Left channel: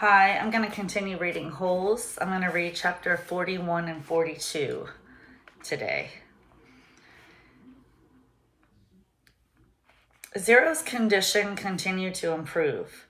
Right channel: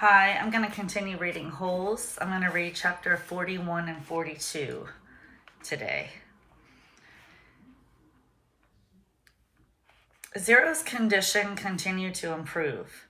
Hi, I'm going to continue reading Holes. I'm going to read chapter 41 and 42 today. Zero's condition continued to improve.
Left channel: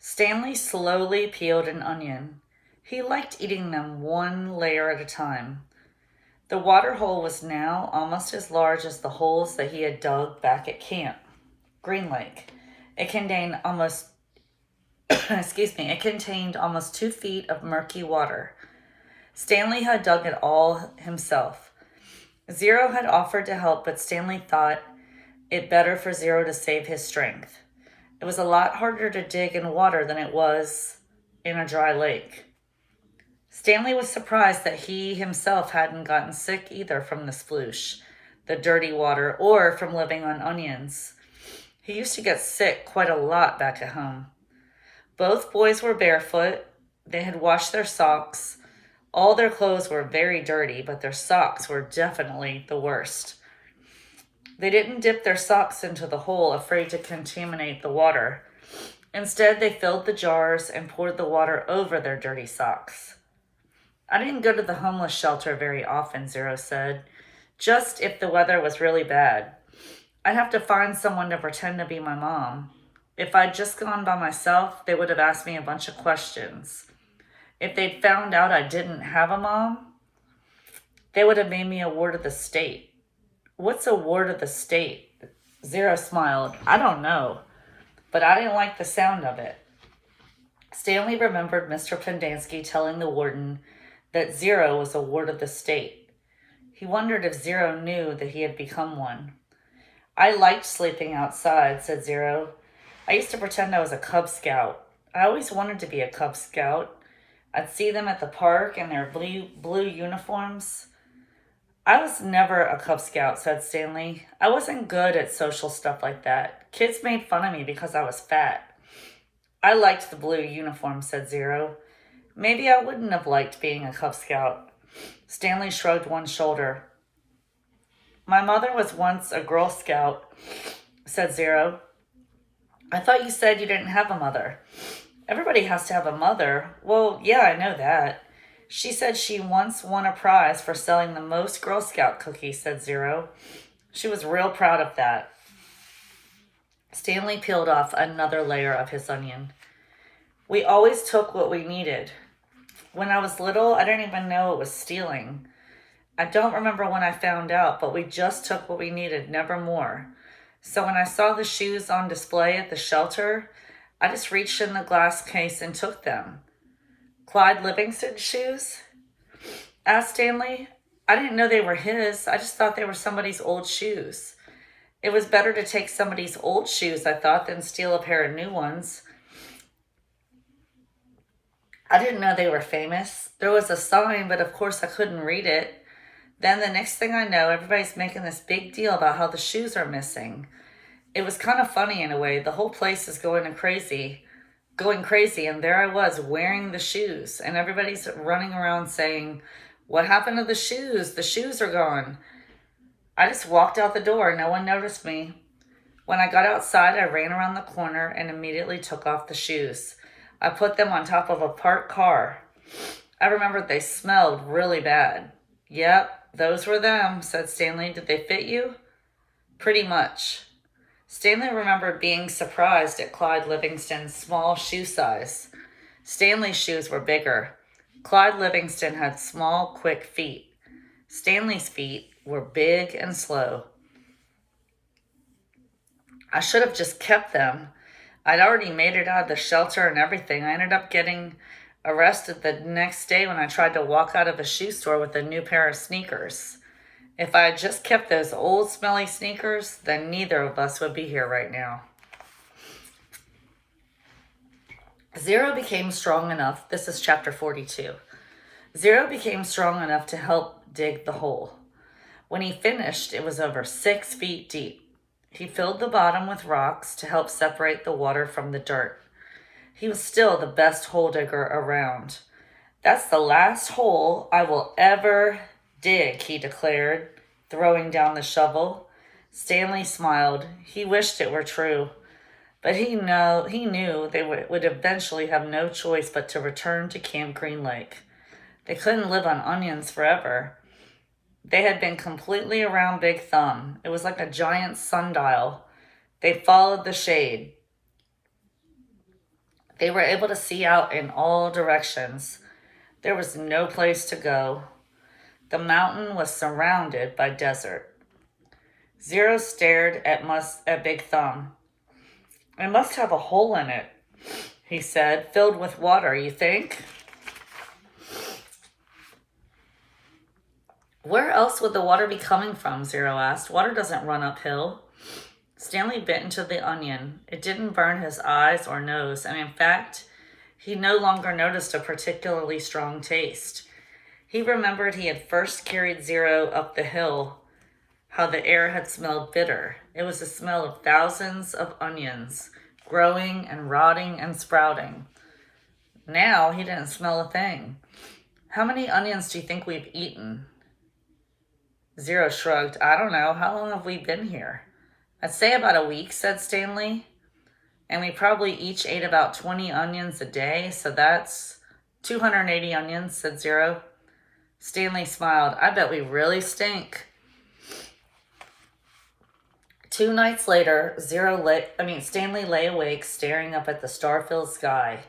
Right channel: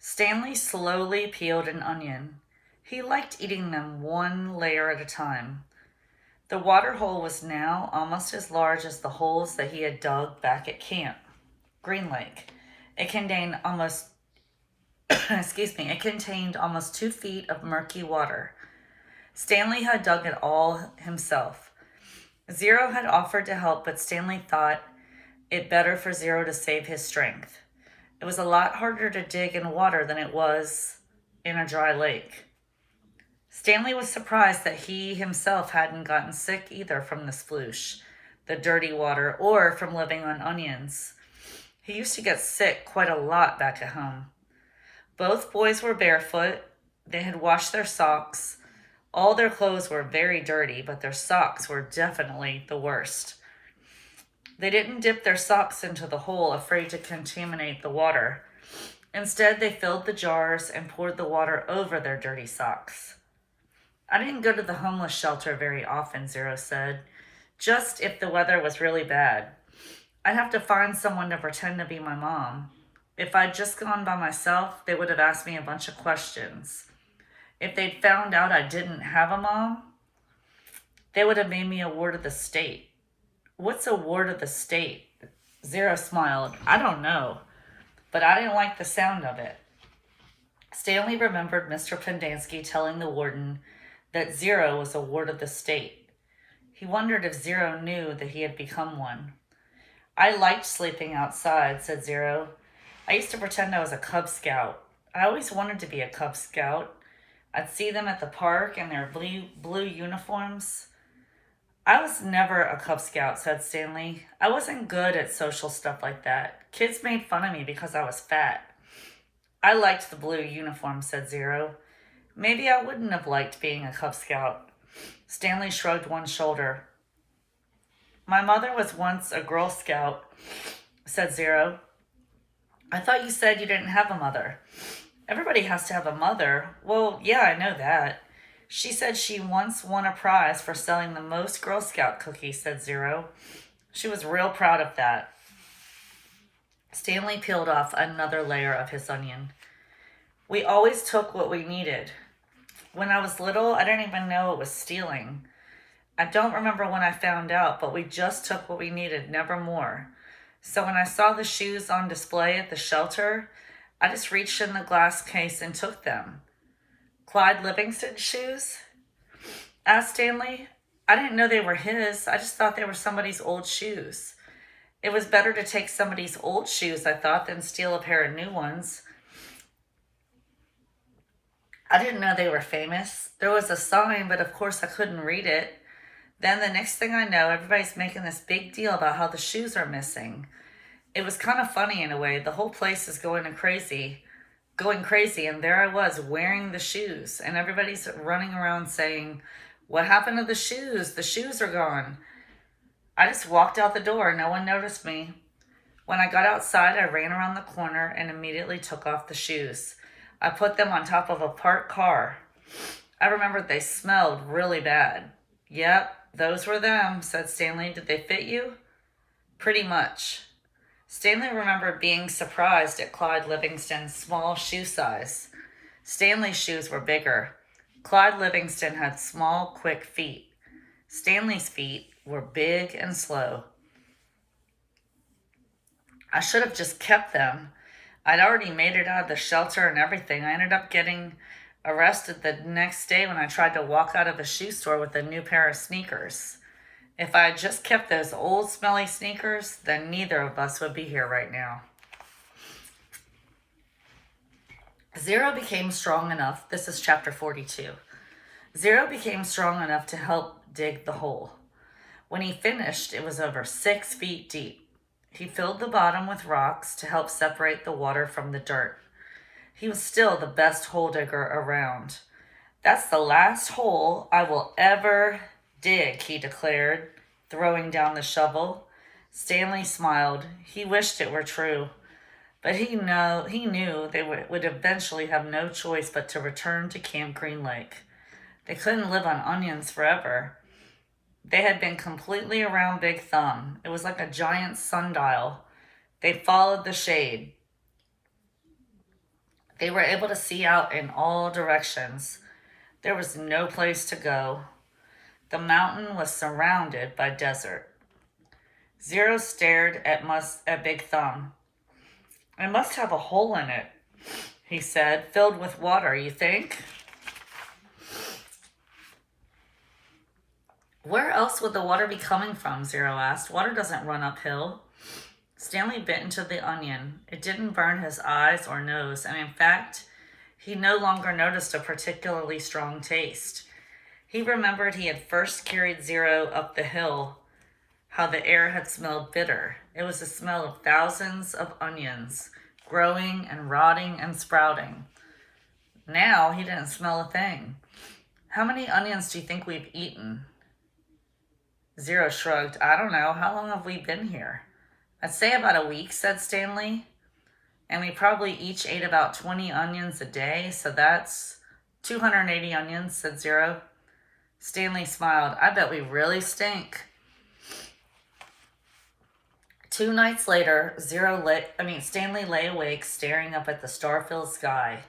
Stanley slowly peeled an onion. He liked eating them one layer at a time. The water hole was now almost as large as the holes that he had dug back at camp, Green Lake. It contained almost it contained almost 2 feet of murky water. Stanley had dug it all himself. Zero had offered to help, but Stanley thought it better for Zero to save his strength. It was a lot harder to dig in water than it was in a dry lake. Stanley was surprised that he himself hadn't gotten sick either from the sploosh, the dirty water, or from living on onions. He used to get sick quite a lot back at home. Both boys were barefoot. They had washed their socks. All their clothes were very dirty, but their socks were definitely the worst. They didn't dip their socks into the hole, afraid to contaminate the water. Instead, they filled the jars and poured the water over their dirty socks. I didn't go to the homeless shelter very often, Zero said. Just if the weather was really bad. I'd have to find someone to pretend to be my mom. If I'd just gone by myself, they would have asked me a bunch of questions. If they'd found out I didn't have a mom, they would have made me a ward of the state. What's a ward of the state? Zero smiled. I don't know, but I didn't like the sound of it. Stanley remembered Mr. Pendanski telling the warden that Zero was a ward of the state. He wondered if Zero knew that he had become one. I liked sleeping outside, said Zero. I used to pretend I was a Cub Scout. I always wanted to be a Cub Scout. I'd see them at the park in their blue uniforms. I was never a Cub Scout, said Stanley. I wasn't good at social stuff like that. Kids made fun of me because I was fat. I liked the blue uniform, said Zero. Maybe I wouldn't have liked being a Cub Scout. Stanley shrugged one shoulder. My mother was once a Girl Scout, said Zero. I thought you said you didn't have a mother. Everybody has to have a mother. Well, yeah, I know that. She said she once won a prize for selling the most Girl Scout cookies, said Zero. She was real proud of that. Stanley peeled off another layer of his onion. We always took what we needed. When I was little, I didn't even know it was stealing. I don't remember when I found out, but we just took what we needed, never more. So when I saw the shoes on display at the shelter, I just reached in the glass case and took them. Clyde Livingston's shoes? Asked Stanley. I didn't know they were his. I just thought they were somebody's old shoes. It was better to take somebody's old shoes, I thought, than steal a pair of new ones. I didn't know they were famous. There was a sign, but of course I couldn't read it. Then the next thing I know, everybody's making this big deal about how the shoes are missing. It was kind of funny in a way. The whole place is going crazy, and there I was wearing the shoes, and everybody's running around saying, "What happened to the shoes? The shoes are gone." I just walked out the door. No one noticed me. When I got outside, I ran around the corner and immediately took off the shoes. I put them on top of a parked car. I remembered they smelled really bad. Yep, those were them, said Stanley. Did they fit you? Pretty much. Stanley remembered being surprised at Clyde Livingston's small shoe size. Stanley's shoes were bigger. Clyde Livingston had small, quick feet. Stanley's feet were big and slow. I should have just kept them. I'd already made it out of the shelter and everything. I ended up getting arrested the next day when I tried to walk out of a shoe store with a new pair of sneakers. If I had just kept those old smelly sneakers, then neither of us would be here right now. Zero became strong enough. This is chapter 42. Zero became strong enough to help dig the hole. When he finished, it was over 6 feet deep. He filled the bottom with rocks to help separate the water from the dirt. He was still the best hole digger around. That's the last hole I will ever dig, he declared, throwing down the shovel. Stanley smiled. He wished it were true. But he knew they would eventually have no choice but to return to Camp Green Lake. They couldn't live on onions forever. They had been completely around Big Thumb. It was like a giant sundial. They followed the shade. They were able to see out in all directions. There was no place to go. The mountain was surrounded by desert. Zero stared at Big Thumb. "It must have a hole in it," he said, "filled with water, you think?" "Where else would the water be coming from?" Zero asked. "Water doesn't run uphill." Stanley bit into the onion. It didn't burn his eyes or nose, and in fact, he no longer noticed a particularly strong taste. He remembered he had first carried Zero up the hill, how the air had smelled bitter. It was the smell of thousands of onions, growing and rotting and sprouting. Now he didn't smell a thing. "How many onions do you think we've eaten?" Zero shrugged. "I don't know. How long have we been here?" "I'd say about a week," said Stanley. "And we probably each ate about 20 onions a day, so that's 280 onions," said Zero. Stanley smiled. "I bet we really stink." 2 nights later, Stanley lay awake staring up at the star-filled sky.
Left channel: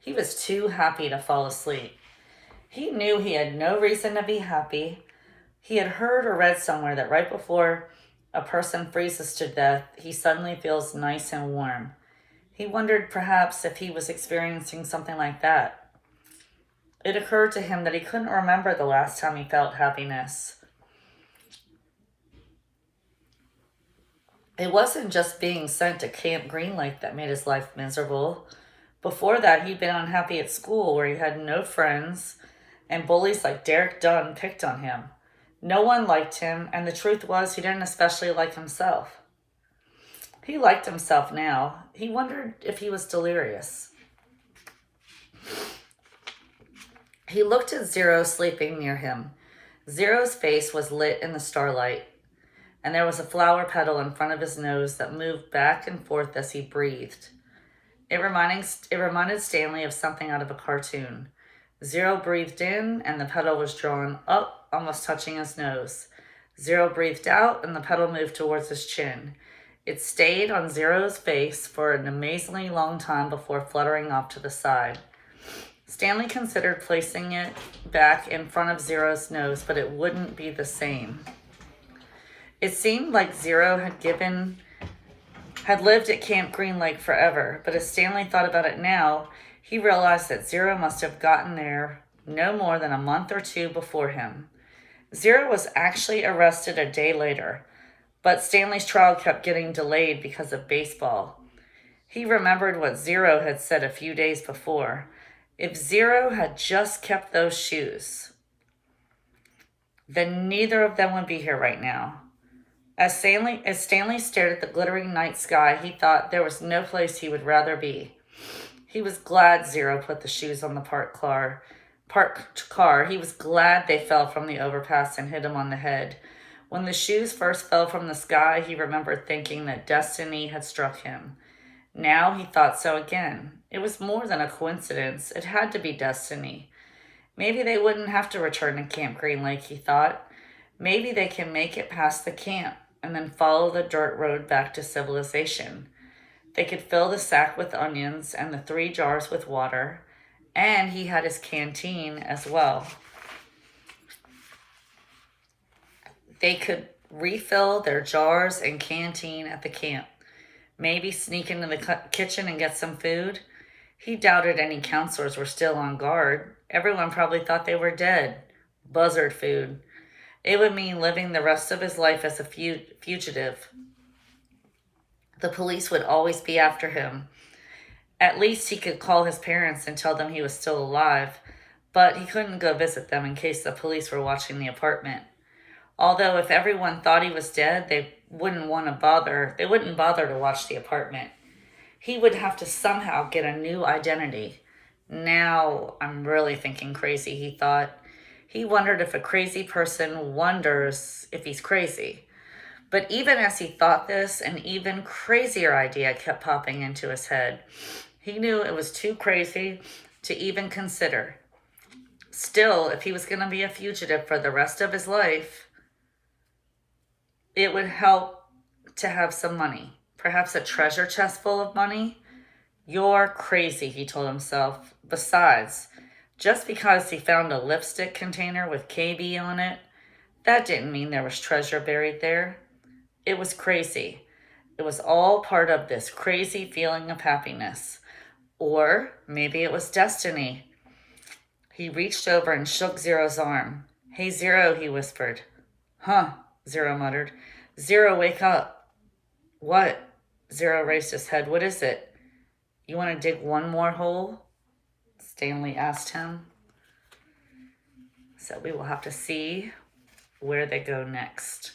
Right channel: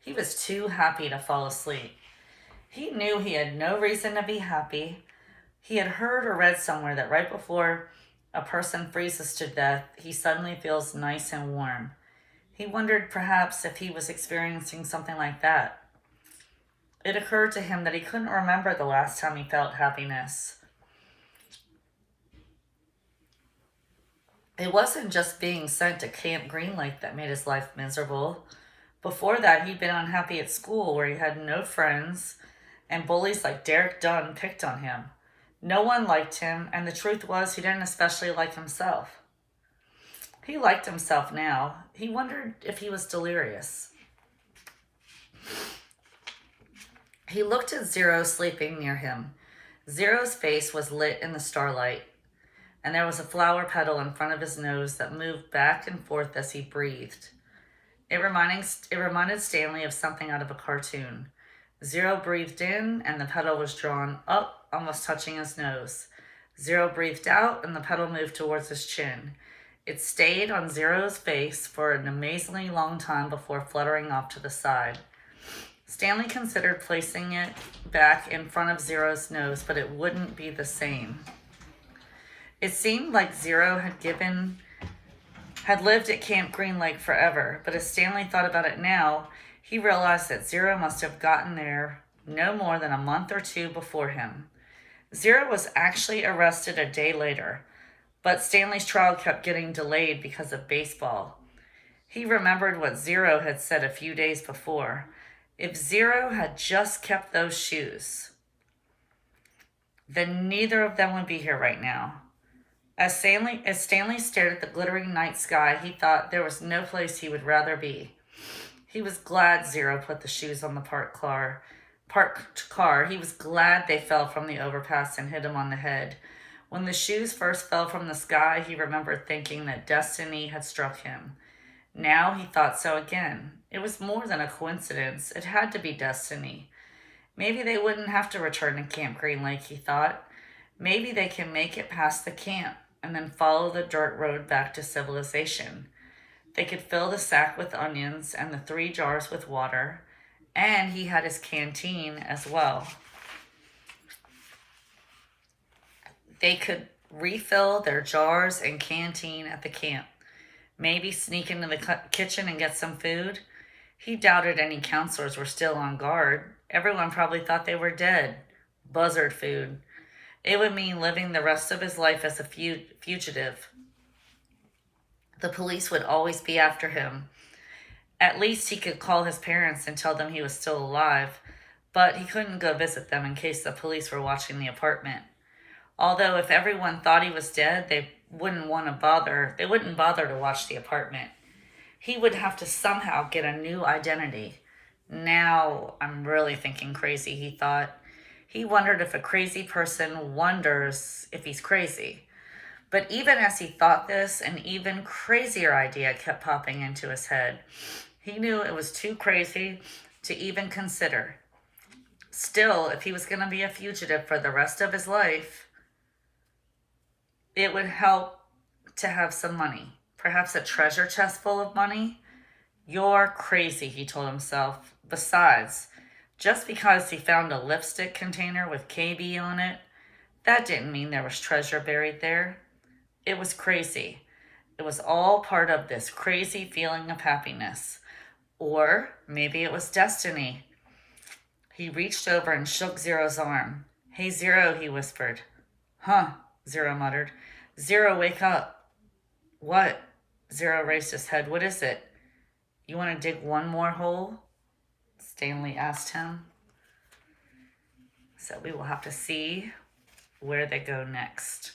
He was too happy to fall asleep. He knew he had no reason to be happy. He had heard or read somewhere that right before a person freezes to death, he suddenly feels nice and warm. He wondered perhaps if he was experiencing something like that. It occurred to him that he couldn't remember the last time he felt happiness. It wasn't just being sent to Camp Green Lake that made his life miserable. Before that, he'd been unhappy at school where he had no friends, and bullies like Derek Dunn picked on him. No one liked him, and the truth was he didn't especially like himself. He liked himself now. He wondered if he was delirious. He looked at Zero sleeping near him. Zero's face was lit in the starlight, and there was a flower petal in front of his nose that moved back and forth as he breathed. It reminded Stanley of something out of a cartoon. Zero breathed in, and the petal was drawn up, almost touching his nose. Zero breathed out, and the petal moved towards his chin. It stayed on Zero's face for an amazingly long time before fluttering off to the side. Stanley considered placing it back in front of Zero's nose, but it wouldn't be the same. It seemed like Zero had lived at Camp Green Lake forever, but as Stanley thought about it now, he realized that Zero must have gotten there no more than a month or 2 before him. Zero was actually arrested a day later, but Stanley's trial kept getting delayed because of baseball. He remembered what Zero had said a few days before. If Zero had just kept those shoes, then neither of them would be here right now. As Stanley stared at the glittering night sky, he thought there was no place he would rather be. He was glad Zero put the shoes on the parked car. He was glad they fell from the overpass and hit him on the head. When the shoes first fell from the sky, he remembered thinking that destiny had struck him. Now he thought so again. It was more than a coincidence. It had to be destiny. Maybe they wouldn't have to return to Camp Green Lake, he thought. Maybe they can make it past the camp and then follow the dirt road back to civilization. They could fill the sack with onions and the 3 jars with water, and he had his canteen as well. They could refill their jars and canteen at the camp. Maybe sneak into the kitchen and get some food. He doubted any counselors were still on guard. Everyone probably thought they were dead. Buzzard food. It would mean living the rest of his life as a fugitive. The police would always be after him. At least he could call his parents and tell them he was still alive, but he couldn't go visit them in case the police were watching the apartment. Although if everyone thought he was dead, they wouldn't bother to watch the apartment. He would have to somehow get a new identity. Now I'm really thinking crazy, he thought. He wondered if a crazy person wonders if he's crazy. But even as he thought this, an even crazier idea kept popping into his head. He knew it was too crazy to even consider. Still, if he was going to be a fugitive for the rest of his life, it would help to have some money. Perhaps a treasure chest full of money. You're crazy, he told himself. Besides, just because he found a lipstick container with KB on it, that didn't mean there was treasure buried there. It was crazy. It was all part of this crazy feeling of happiness. Or maybe it was destiny. He reached over and shook Zero's arm. "Hey, Zero," he whispered. "Huh," Zero muttered. "Zero, wake up." "What?" Zero raised his head. "What is it?" "You want to dig one more hole?" Stanley asked him. So we will have to see where they go next.